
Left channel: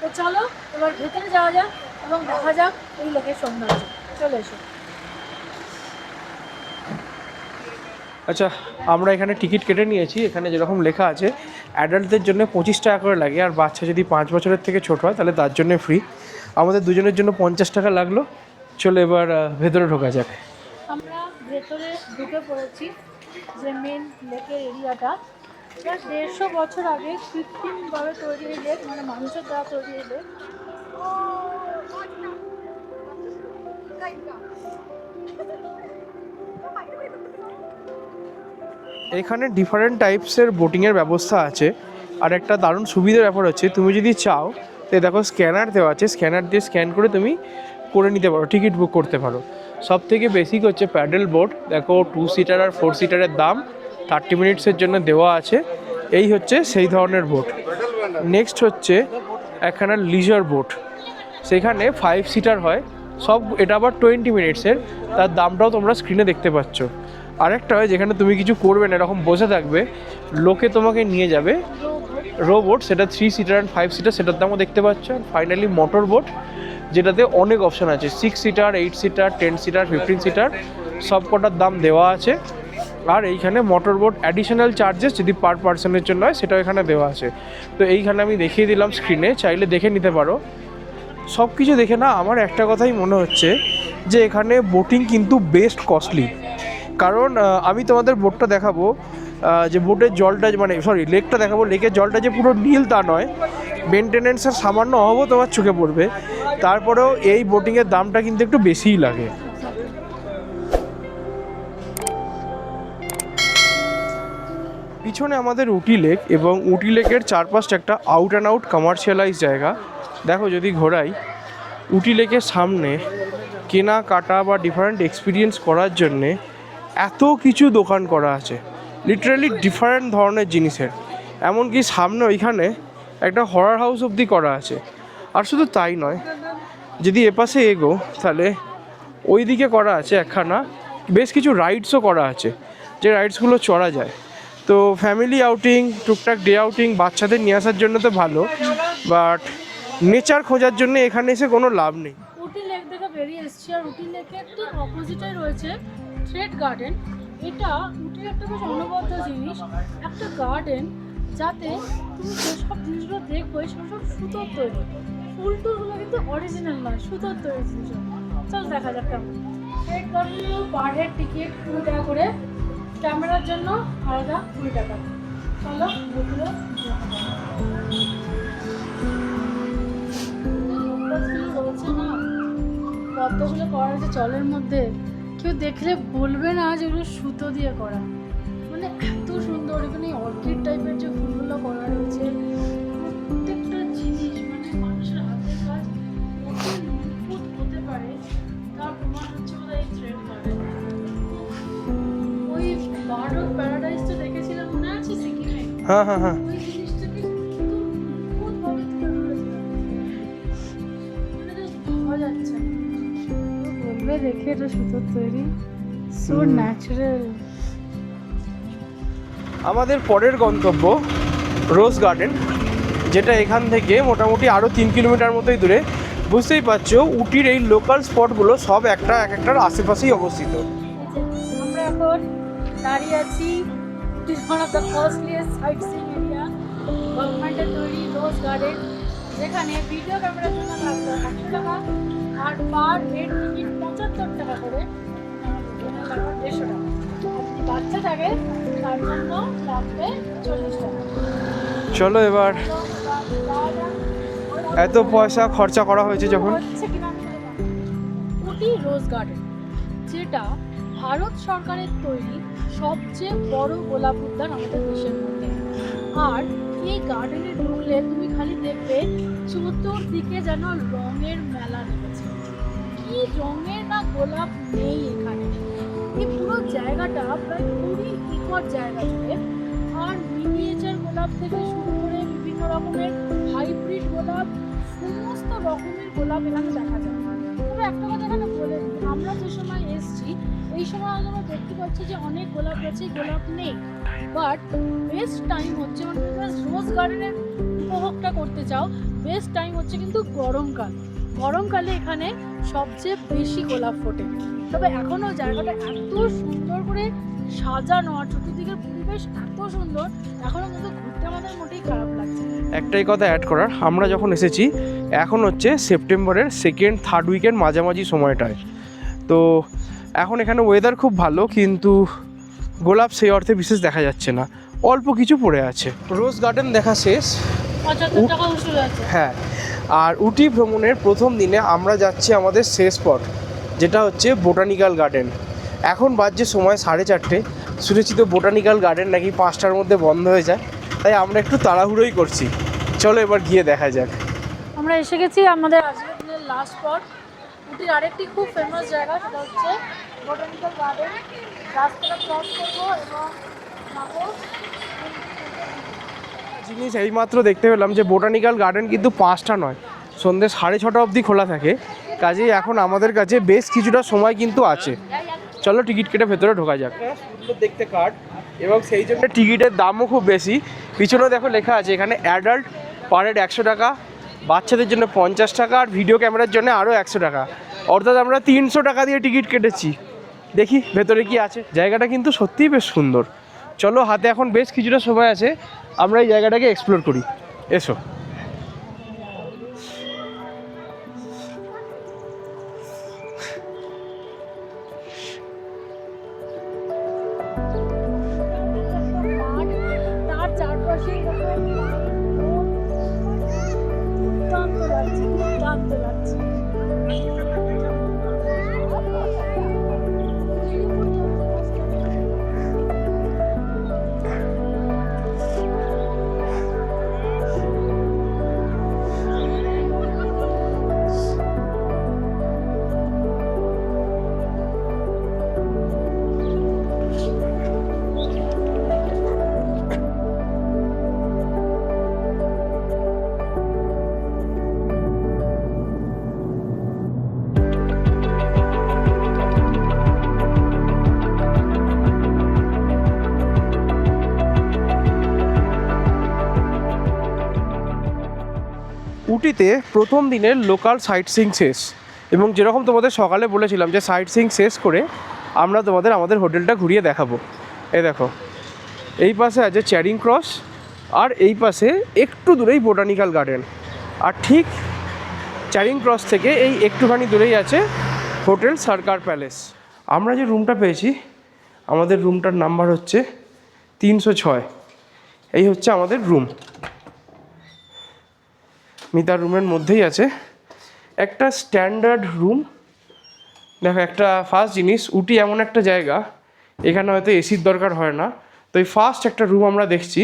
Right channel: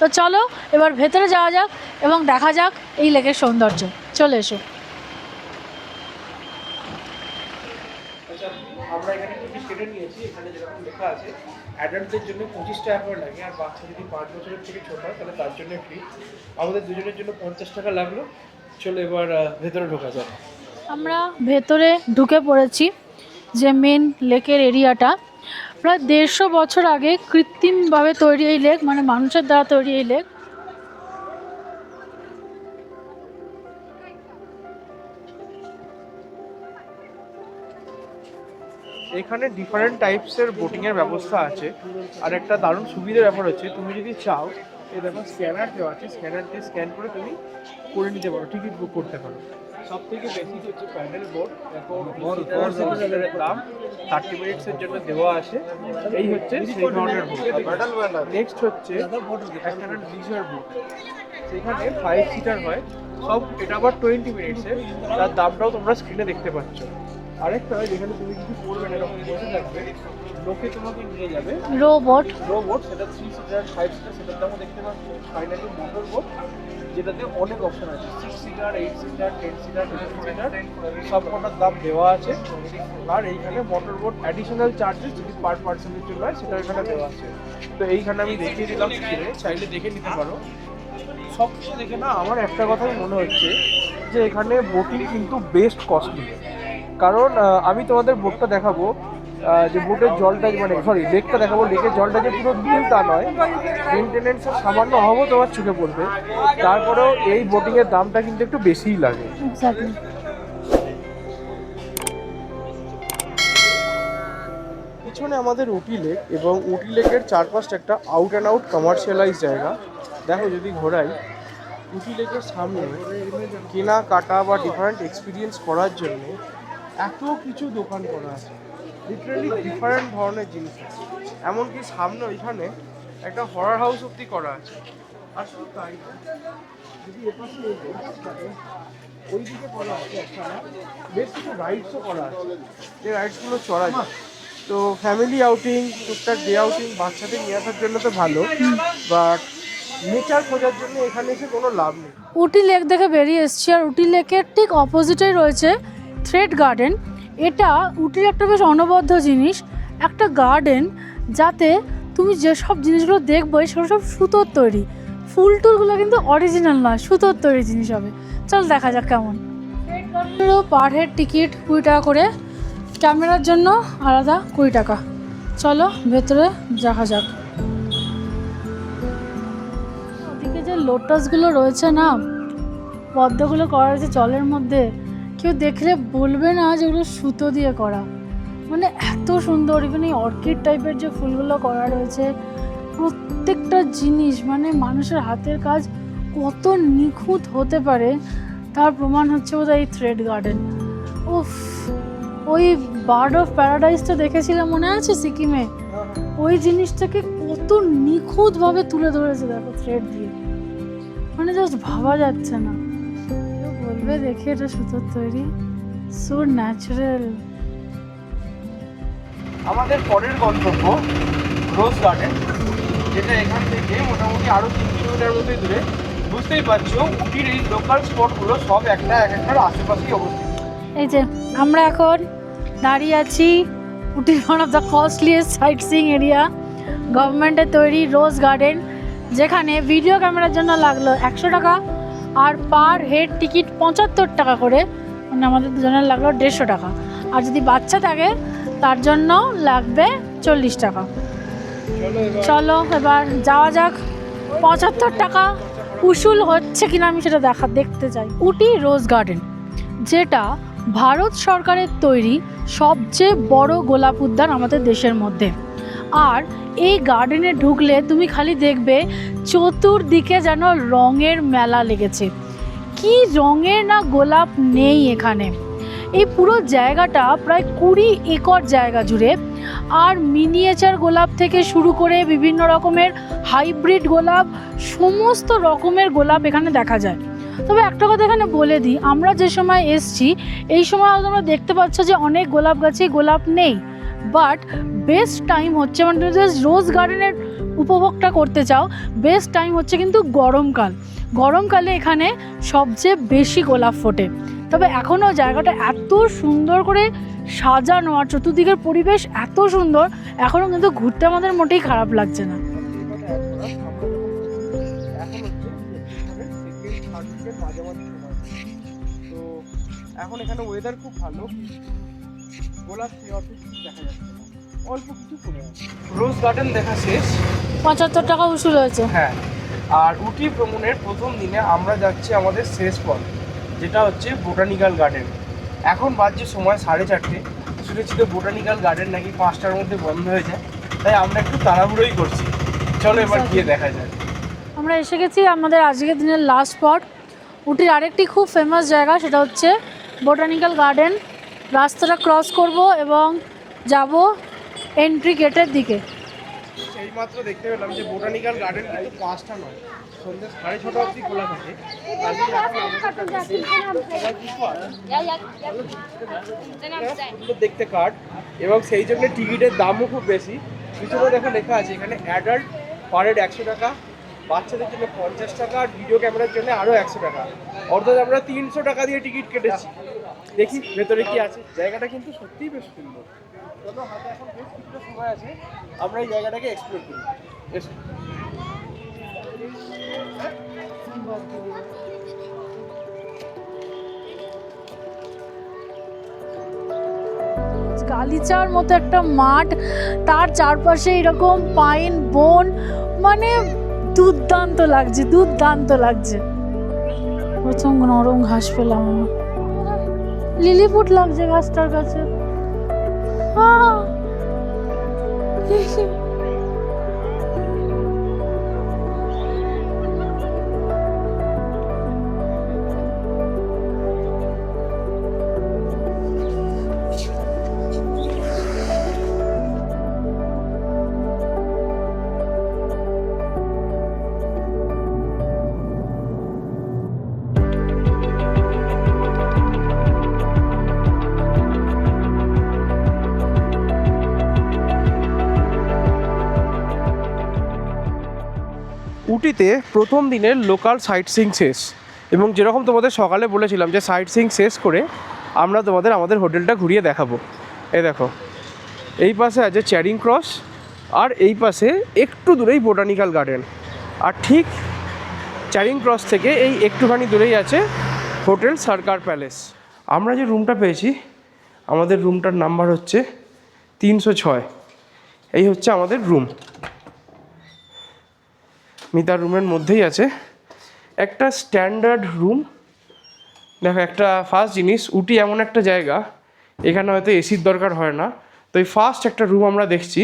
তো চলো এবার ভেতরে যাওয়া যাক এবং দেখা যাক এই লেকের সৌন্দর্য। চলে এসো। আচ্ছা, আমরা এখানে টিকিট কেটে নিয়েছি। এখানে যেরকম লেখা আছে, অ্যাডাল্টদের জন্য 25 টাকা করে লাগে, আর বাচ্চা যদি 5 বছরের থেকে ছোট হয় তাহলে তার জন্য ফ্রি। আমাদের দুজনের জন্য 50 টাকা লাগলো। চলো এবার ভেতরে ঢোকা যাক। আমরা ভেতরে ঢুকে পড়েছি, যে মেন লেকের এরিয়াটা। প্রায় 150 বছর আগে কৃত্রিমভাবে তৈরি এই লেক, মানে মানুষের দ্বারা তৈরি এই লেক। এখানে ডিফারেন্ট টাইপসের বোটিংয়ের ব্যবস্থা আছে। আর একটা দারুণ সুবিধার ব্যাপার হচ্ছে, তুমি যদি চাও তো দেখো স্ক্যানার দেওয়া আছে, স্ক্যানার দিয়ে স্ক্যান করে তুমি করে নিতে পারো, টিকিট বুক করতে পারো। সব থেকে বেসিক হচ্ছে প্যাডেল বোট। দেখো 2 সিটার আর 4 সিটারের দাম 30 মিনিটসের জন্য দেওয়া আছে। এই হচ্ছে সেই ধরনের বোট। নেক্সট হচ্ছে একখানা লিজার বোট, সেখানে 5 সিটার হয় সব, এটা আবার 20 মিনিটসের, তার দামটাও তোমরা স্ক্রিনে দেখতে পাচ্ছ। আরেকটা হয় যেখানে তুমি কিছু করবে না, এরকম বসে থাকবে, লোকে তোমাকে নিয়ে যাবে, রোবট। রোবট, সেটা 3 সিটার আর 5 সিটার, সেটার দামও দেখতে পাচ্ছ। ফাইনালি মোটর বোট, যেটাতে অনেক অপশান আছে, 6 সিটার, 8 সিটার, 10 সিটার, 15 সিটার, সব কটার দাম দেওয়া আছে। আর এইখানে মোটর বোট অ্যাডিশনাল চার্জেস যদি পার পার্সনের জন্য হয় সেটাও এখানে দেওয়া আছে। তো এইখানে আমি দেখিয়ে দিলাম স্ক্রিনে, চাইলে দেখে নিতে পারো। সব কিছু দেখে না আমার একটা কথাই মনে হচ্ছে যে এখানে বোটিং কিন্তু বেস্ট কস্টলি। কারণ আমি তোমাদের বোটটা দেখাবো, যে বোটের জলটা মানে লেকটা দেখাবো, লেকের জলটা যে পুরো নীল তা নয়, মেনটেনেন্সের সামান্য অভাবও তোমার চোখে পড়বে। তারপরেও এই বোটিংয়ের দামটা কিন্তু একটু বেশিই লাগে। এক্স্যাক্টলি। পিছনে আমাদের উটি লেক, এবং উটি লেকের চারপাশটা একটা আউট অ্যান্ড আউট কমার্শিয়ালাইজ জায়গা। দেখো যদি ঘোরাই, উটি লেকের সামনে কেনাকাটা বা ডিফারেন্ট এক্সপিরিয়েন্স করার জন্যে এত কিছু দোকান করা আছে, লিটারালি ডিফারেন্ট ধরনের জিনিসের। এমনকি সামনে ওইখানে একটা হরর হাউস অবধি করা আছে। আর শুধু তাই নয়, যদি এপাশে এগো তাহলে ওই দিকে করা আছে একখানা, বেশ কিছু রাইডসও করা আছে, যে রাইডসগুলো চড়া যায়। তো ফ্যামিলি আউটিং, টুকটাক ডে আউটিং বাচ্চাদের নিয়ে আসার জন্য তো ভালো, বাট নেচার খোঁজার জন্য এখানে এসে কোনো লাভ নেই। উটি লেক দেখে বেরিয়ে এসেছি, আর উটি লেকের ঠিক অপোজিটেই রয়েছে থ্রেড গার্ডেন। এটা উটির একটা বেশ অনবদ্য জিনিস, একটা গার্ডেন যাতে তুমি যেসব জিনিসগুলো দেখবো সেগুলো সব সুতোর তৈরি। ফুল টুলগুলো কিন্তু অরিজিনাল নয়, সুতোর তৈরি জিনিস হবে। চল দেখা যাক কেমন। থ্রেড গার্ডেনেরও পার হেড টিকিট 20 টাকা করে, ক্যামেরার জন্য আলাদা 20 টাকা। চলো ভেতরে দেখা যাক। ওদিকে যে লোটাসগুলো রয়েছে না, পদ্মগুলো করা রয়েছে জলের মধ্যে, কেউ দেখলে বলবে না যেগুলো সুতো দিয়ে করা। মানে এত সুন্দর। ইভেন এই অর্কিড টাইপের যে ফুলগুলো করা রয়েছে, প্রত্যেকটা জিনিস মানে মানুষের হাতের কাজ কত নিখুঁত হতে পারে তার প্রমাণ হচ্ছে বোধহয় এই থ্রেড গার্ডেন। উফ, ওই বার্ড অফ প্যারাডাইসটা দেখেছিলাম মনে আছে সিকিমে? ওই জিনিসটাকে কত নিখুঁতভাবে তুলে ধরেছে দেখো থ্রেড দিয়ে, মানে জাস্ট ভাবা যাচ্ছে না। বলবে দেখে এটা সুতোর তৈরি, সো ন্যাচারাল। আমাদের পরের গন্তব্য রোজ গার্ডেন, যেটা এখান থেকে মোটামুটি আরও 3 কিলোমিটার মতোই দূরে। বুঝতেই পারছো উটির এই লোকাল স্পটগুলো সব একটার আশেপাশেই অবস্থিত। এই যে আমরা এখন দাঁড়িয়ে আছি উটির one of the costliest sightseeing area, গভর্নমেন্টের তৈরি রোজ গার্ডেন, যেখানে ভিডিও ক্যামেরার জন্য লাগলো 100 টাকা, আর পার হেড টিকিট 75 টাকা করে, মানে আমাদের দুজনের লাগলো 150 টাকা। আর যদি বাচ্চা থাকে তার জন্য লাগবে 40 টাকা। চলো এবার যাওয়া যাক। 75 টাকা খরচা করা উসুল হচ্ছে কিনা আমি সেটা দেখতে চাই। উটি রোজ গার্ডেন, যেটা ভারত সরকারের তৈরি সবচেয়ে বড় গোলাপ উদ্যান আমাদের দেশের মধ্যে। আর এই গার্ডেনে ঢুকলে তুমি খালি দেখবে চতুর্দিকে যেন রঙের মেলা লেগেছে। কি রঙের না গোলাপ নেই এখানে। এই পুরো জায়গাটা প্রায় 20 একর জায়গা জুড়ে, আর মিনিয়েচার গোলাপ থেকে শুরু করে বিভিন্ন রকমের হাইব্রিড গোলাপ, সমস্ত রকমের গোলাপ এখানে দেখা যায়। তবে একটা কথা এখানে বলে দিই, আমরা যে সময় এসছি এই সময় তোমরা দেখতে পাচ্ছ যে অনেক গোলাপ গাছে গোলাপ নেই, বাট বেস্ট টাইম হচ্ছে, মানে তুমি যদি রোজ গার্ডেনের উপভোগটা করতে চাও, বেস্ট টাইম হচ্ছে কিন্তু গরমকাল। গরমকালে এখানে সবচেয়ে বেশি গোলাপ ফোটে। তবে এখনও জায়গাটা এত সুন্দর করে সাজানো আর চতুর্দিকের পরিবেশ এত সুন্দর, এখনও কিন্তু ঘুরতে আমাদের মোটেই খারাপ লাগছে না। একটাই কথা অ্যাড করার, আমরা যখন এসেছি এখন হচ্ছে সেপ্টেম্বরের 2nd-3rd উইকের মাঝামাঝি সময়টায়। তো এখন এখানে ওয়েদার খুব ভালো, কিন্তু গোলাপ সেই অর্থে বিশেষ দেখা যাচ্ছে না, অল্প কিছু পড়ে আছে। রোজ গার্ডেন দেখা শেষ, 75 টাকা উসুল হয়েছে। হ্যাঁ, আর উটি ভ্রমণের প্রথম দিনে আমরা যাচ্ছি আমাদের শেষ স্পট, যেটা হচ্ছে বোটানিক্যাল গার্ডেন। এখন বাজছে সময় 4:30। শুনেছি তো বোটানিক্যাল গার্ডেন নাকি 5টার মধ্যে বন্ধ হয়ে যায়, তাই আমরা একটু তাড়াহুড়োই করছি। চলো এবার গিয়ে দেখা যাক। আমরা এসে গেছি আমাদের আজকের দিনের লাস্ট স্পট। উটির আরেকটি খুব ফেমাস জায়গা, সেটা হচ্ছে বোটানিক্যাল গার্ডেন। রাস্তাটা ক্রস করব এবং যাব এন্ট্রি গেটের দিকে। জিনিস এইমাত্র দেখতে পেলাম যে বোটানিক্যাল গার্ডেন কিন্তু 5টা নয়, সন্ধ্যে 6:30 অবধি খোলা থাকে। কাজেই এখন আমাদের কাছে বেশ কিছুটা সময় কিন্তু আছে। চলো টিকিট কেটে ভেতরে ঢোকা যাক। সুন্দর দেখতে কার্ড, এবং সেই জন্য টিকিটের দামও খুব বেশি। পিছনেও দেখো লেখা আছে এখানে অ্যাডাল্ট পার হেড 100 টাকা, বাচ্চাদের জন্য 50 টাকা, আর ভিডিও ক্যামেরার জন্য আরও 100 টাকা, অর্থাৎ আমরা 300 টাকা দিয়ে টিকিট কেটেছি। দেখি ভেতরে কি আছে। জায়গাটা কিন্তু সত্যিই বেশ সুন্দর। চলো, হাতে এখন বেশ কিছুটা সময় আছে, আমরা এই জায়গাটাকে এক্সপ্লোর করি। এসো। গালিচার মতো একটা মাঠ, তার চারপাশে এরকম পাইন বন, মানে দুর্দান্ত লাগছে, দুর্দান্ত লাগছে। প্রচুর নরম ঘাস পেলাম, লিলিপুট লাগছে ঘাসটার কাছে। উটিতে প্রথম দিনের লোকাল সাইট সিইং শেষ, এবং যেরকম তোমাদের সকালে বলেছিলাম যে সাইট সিইং শেষ করে আমরা তোমাদের আমাদের হোটেলটা ঘুরিয়ে দেখাবো। এই দেখো, এই পাশে আছে চ্যারিং ক্রস, আর এই পাশে একটু দূরেই বোটানিক্যাল গার্ডেন, আর ঠিক চ্যারিং ক্রস থেকে এই একটুখানি দূরেই আছে হোটেল সরকার প্যালেস। আমরা যে রুমটা পেয়েছি, আমাদের রুমটার নাম্বার হচ্ছে 306। এই হচ্ছে আমাদের রুম। মিতার রুমের মধ্যেই আছে একটা স্ট্যান্ডার্ড রুম। দেখো, একটা ফার্স্ট জিনিস, উটি এমন একটা জায়গা এখানে হয়তো এসির দরকার হয় না, তো এই ফার্স্ট একটা রুম আমরা দেখছি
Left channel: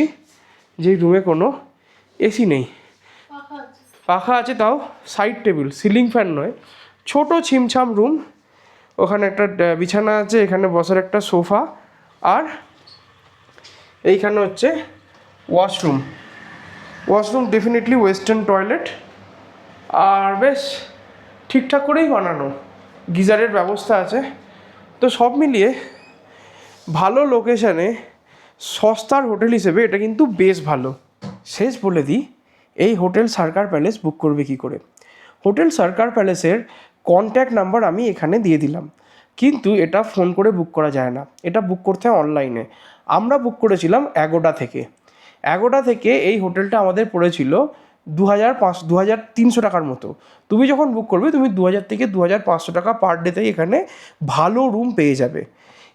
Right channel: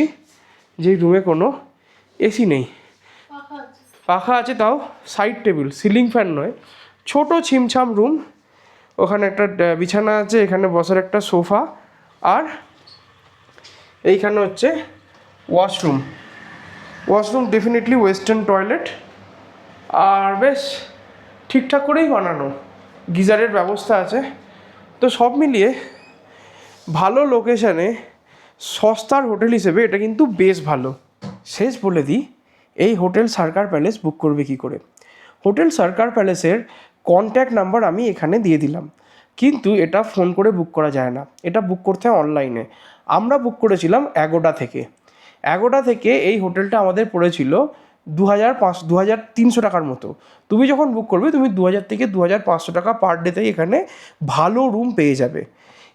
যেই রুমে কোনো এসি নেই, পাখা আছে, তাও সাইড টেবিল, সিলিং ফ্যান নয়, ছোট ছিমছাম রুম। ওখানে একটা বিছানা আছে, এখানে বসার একটা সোফা, আর এইখানে হচ্ছে washroom. Washroom definitely western toilet, আর বেশ ঠিকঠাক করেই বানানো, গিজারের ব্যবস্থা আছে। তো সব মিলিয়ে ভালো লোকেশানে সস্তার হোটেল হিসেবে এটা কিন্তু বেশ ভালো। শেষ বলে দিই, এই হোটেল সরকার প্যালেস বুক করবে কী করে। হোটেল সরকার প্যালেসের কন্ট্যাক্ট নাম্বার আমি এখানে দিয়ে দিলাম, কিন্তু এটা ফোন করে বুক করা যায় না, এটা বুক করতে হয় অনলাইনে। আমরা বুক করেছিলাম অ্যাগোডা থেকে। অ্যাগোডা থেকে এই হোটেলটা আমাদের পড়েছিল 2300 টাকার মতো। তুমি যখন বুক করবে, তুমি 2000 থেকে 2500 টাকা পার ডেতেই এখানে ভালো রুম পেয়ে যাবে।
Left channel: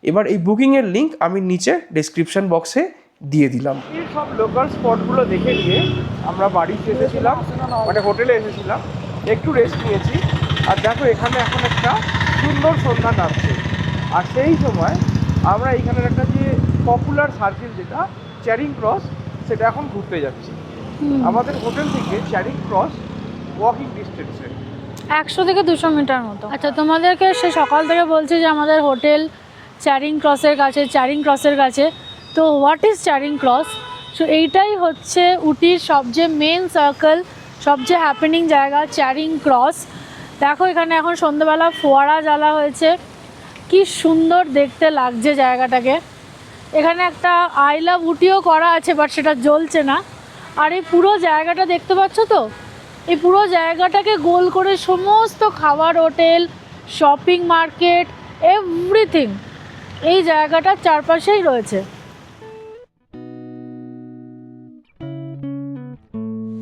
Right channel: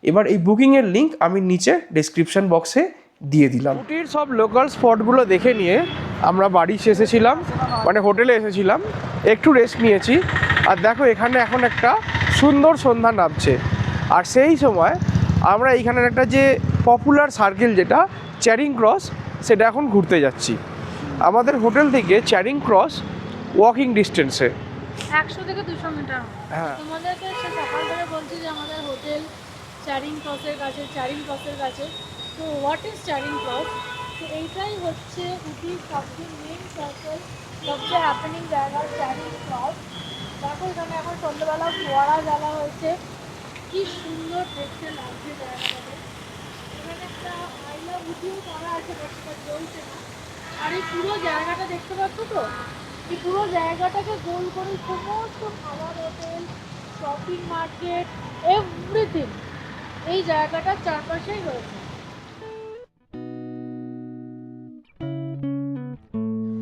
এবার এই বুকিংয়ের লিঙ্ক আমি নিচে ডেসক্রিপশন বক্সে দিয়ে দিলাম। সব লোকাল স্পটগুলো দেখে নিয়ে আমরা বাড়ি এসেছিলাম, মানে হোটেলে এসেছিলাম, একটু রেস্ট নিয়েছি। আর দেখো, এখানে এখন একটা সুন্দর সন্ধ্যা নামছে, আর সেই সময় আমরা এইখানের একটা যে পপুলার সার্কেল যেটা চ্যারিং ক্রস, সেটা এখন ঘুরতে যাচ্ছি। আমাদের হোটেল থেকে চ্যারিং ক্রস ওয়াকিং ডিস্টেন্সে 100 থেকে 200 মিটার মতো। আচ্ছা, তোমাদেরকে সে সকাল থেকে বলছে যে আমাদের হোটেল চ্যারিং ক্রসের কাছে। তো হোয়াট ইজ চ্যারিং ক্রস? সো এইটাই হচ্ছে উটির সবচেয়ে মেন সার্কেল, সবচেয়ে হ্যাপেনিং জায়গা চ্যারিং ক্রস। দেখো, এখানে এখন সন্ধ্যেবেলা ফোয়ারা জ্বালা হয়েছে, কি সুন্দর দেখতে লাগছে জায়গাটাকে। এখানে একটা আই লাভ উটিও করা আছে, বাট সেটা জ্বলছে না। আর এই পুরো জায়গাটা দেখতে পাচ্ছ তো, এই পুরো জায়গাটাকে গোল করে সমস্ত খাবার হোটেল, শপিং মার্কেট, এভরিথিং এই জায়গাটার চারপাশেই রয়েছে।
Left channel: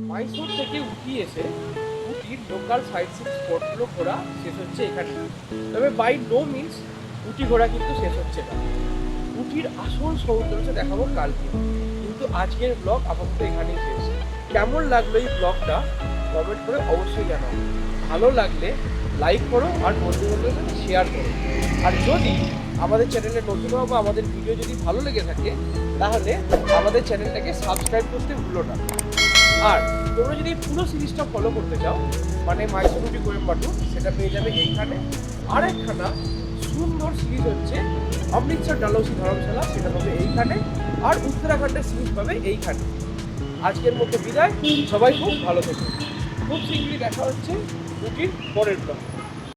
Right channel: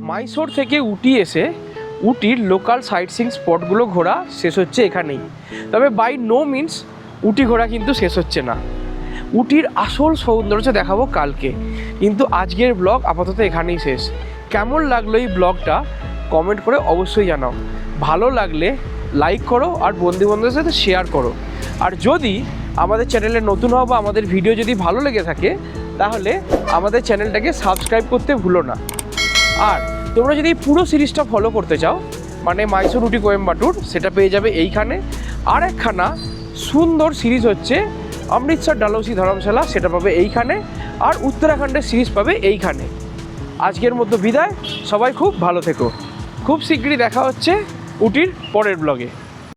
মাইসোর থেকে উটি এসে উটির লোকাল সাইট সিইং স্পটগুলো ঘোরা শেষ হচ্ছে এখানেই। তবে বাই নো মিনস উটি ঘোরা কিন্তু শেষ হচ্ছে না। উটির আসল সৌন্দর্য দেখাবো কালকে, কিন্তু আজকের ব্লগ আপাতত এখানেই শেষ। কেমন লাগলো এই ব্লগটা কমেন্ট করে অবশ্যই জানাও। ভালো লাগলে লাইক করো, আর বন্ধুবান্ধবের সাথে শেয়ার করো। আর যদি আমাদের চ্যানেলে নতুন হও বা আমাদের ভিডিও যদি ভালো লেগে থাকে, তাহলে আমাদের চ্যানেলটাকে সাবস্ক্রাইব করতে ভুলো না। আর তোমরা যদি পুরো সিরিজটা ফলো করতে চাও, মানে মাইসোর উটি কোয়েম্বাটুর, সেটা পেয়ে যাবে এইখানে। আর একখানা সুন্দর সিরিজ হচ্ছে অমৃতসর ডালহৌসি ধর্মশালা, সেটা পাবে এইখানে। আর উত্তরাখণ্ডের সিরিজ পাবে এইখানে। আজকের মতো বিদায়, সবাই খুব ভালো থেকো। খুব শীঘ্রই দেখা হচ্ছে উটির পরের ব্লগে।